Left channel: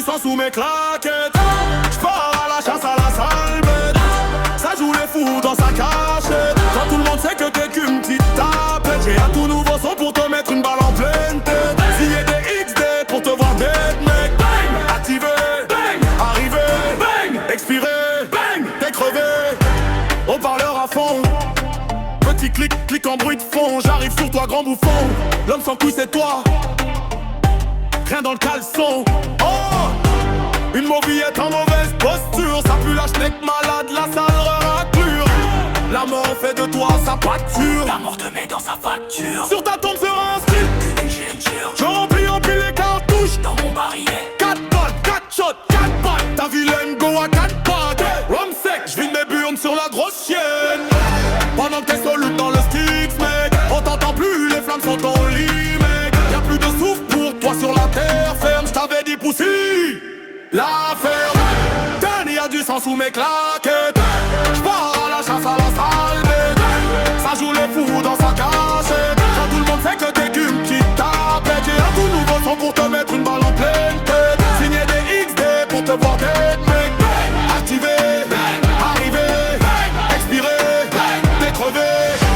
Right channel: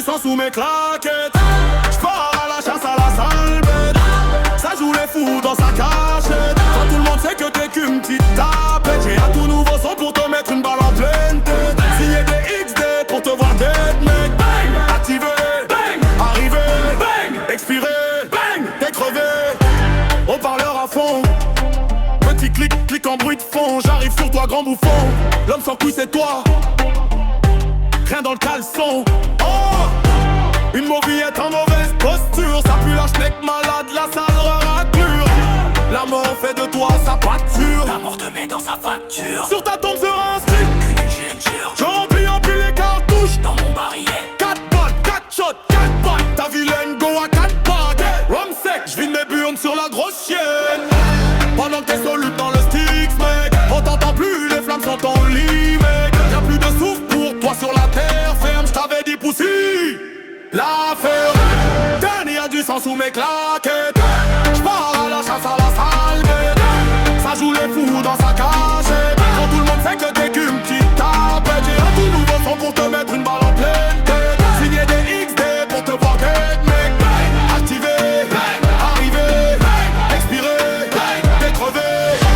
du sang sous mes claquettes. J'pars à la chasse à la sale bête. Ça joue les fous dans sa cachette. Quand tout le monde sait que t'es qu'une petite tapette. J'ai un tout nouveau son pour te mettre une balle en pleine tête. Signer des XD pour te voir dead mec. Bang, activé, bang, arrivé, bang, expiré, bang, t'es crevé. Haut-parleur à fond. Petit clic, clic en bruit de fond. J'arrive sur toi grand bouffon. L'homme sans couille c'est toi. Rien dans le caleçon. Oh, une mauvillette en mauvaise posture. Ça pue la schneck malade, la sale raclure. La mort fait de toi sa pâture. La mort te met dans sa facture. Sur ta tombe sera inscrit Qu'une injecture. je remplis en pile les cartouches. Dans mon barillet 4 balles, 4 shots, 4 balles. Ta vilaine go à 4 packs. Rhum sec, j'vide mes burnes sur la grosse chienne. Pendant que t'es solide dans le Styx mec. On t'entend plus, les flammes sont en lit mec. Y'a plus de souffle pour toi sur la terre ferme. J't'avais dit poussi l'affaire. Danny y'a du sang sous mes claquettes. J'pars à la chasse à la sale bête. Ça joue les fous dans sa cachette. Quand tout le monde sait que t'es qu'une petite tapette. J'ai un tout nouveau son pour te mettre une balle en pleine tête. Signer des XD pour te voir dead mec. Activé, arrivé, expiré, t'es crevé.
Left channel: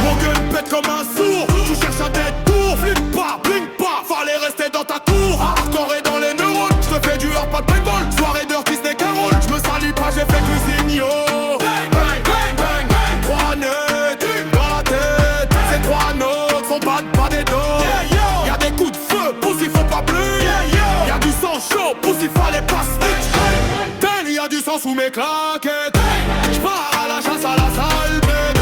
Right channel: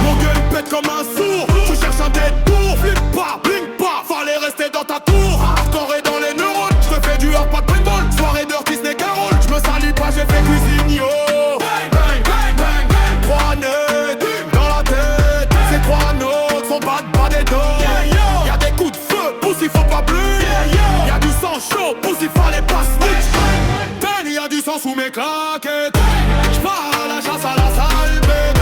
Mon gun pète comme un sourd. Tu cherches un détour, flip pas, blink pas. Fallait rester dans ta tour. Hardcore dans les neurones. J'te fais du hard, pas de paintball. Soirée dirty, ce n'est qu'un rôle. J'me salis pas, j'ai fait cuisine yo. Bang, bang, bang, bang, bang. 3 nets dans la tête. Ces 3 notes sont pas des dos. Y'a des coups de feu, pousse il faut pas bleu. Y'a du sang chaud, pousse il fallait pas snitch. Y'a du sang sous mes claquettes. J'pars à la chasse à la sale bête.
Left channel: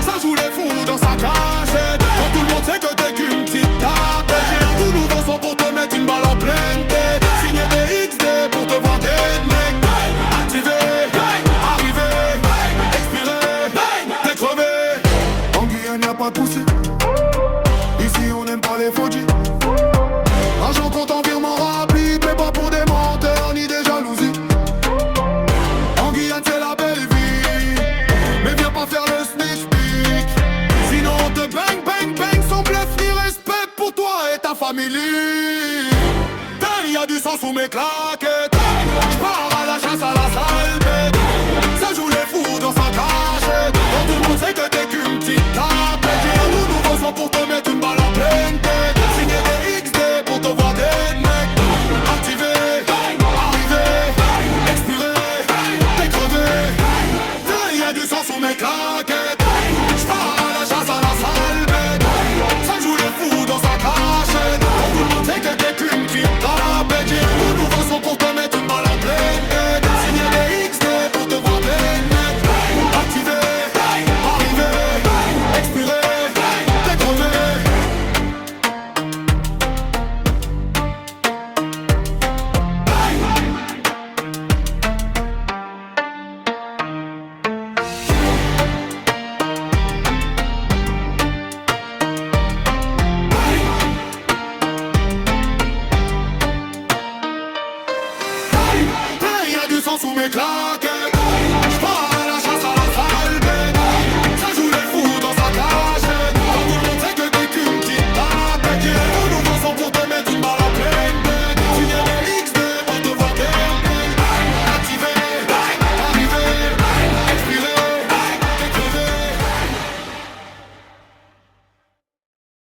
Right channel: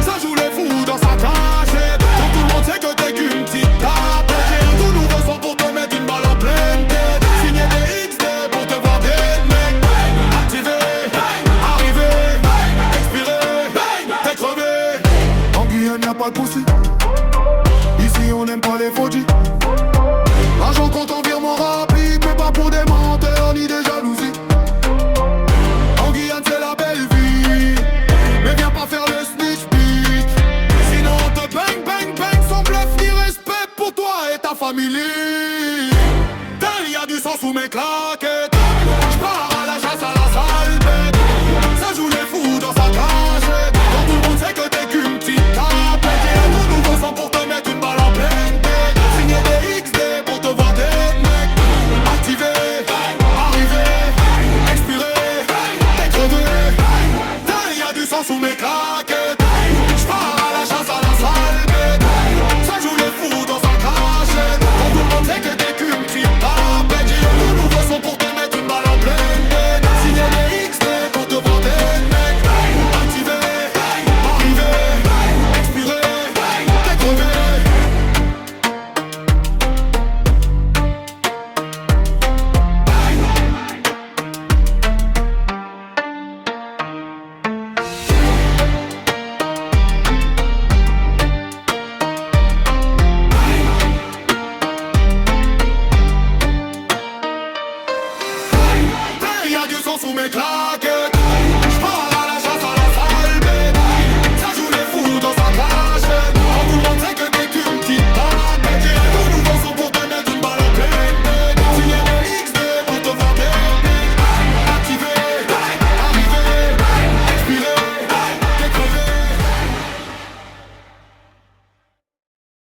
Ça joue les fous dans sa cachette. Quand tout le monde sait que t'es qu'une petite tablette. J'ai un tout nouveau son pour te mettre une balle en pleine tête. Signer des XD pour te voir dead mec. Activé, arrivé, expiré, t'es crevé. En Guyane y'a pas de poussi. Ici on n'aime pas les faudis. Argent compte en virement rapide, mais pas pour des menteurs ni des jalousies. En Guyane c'est la belle vie, mais viens pas faire le snitch bitch. Sinon on te bang bang bang sans bluff ni respect pour toi et ta famille. Y'a du sang sous mes claquettes. J'pars à la chasse à la sale bête. Ça joue les fous dans sa cachette. Quand tout le monde sait que t'es qu'une petite tapette. J'ai un tout nouveau son pour te mettre une balle en pleine tête. Signer des XD pour te voir dead mec. Activé, arrivé, expiré, t'es crevé. Y'a du sang sous mes claquettes. J'pars à la chasse à la sale bête. Ça joue les fous dans sa cachette. Quand tout le monde sait que t'es qu'une petite tapette. J'ai un tout nouveau son pour te mettre une balle en pleine tête. Signer des XD pour te voir dead mec. Activé, arrivé, expiré, t'es crevé. Y'a du sang sous mes claquettes.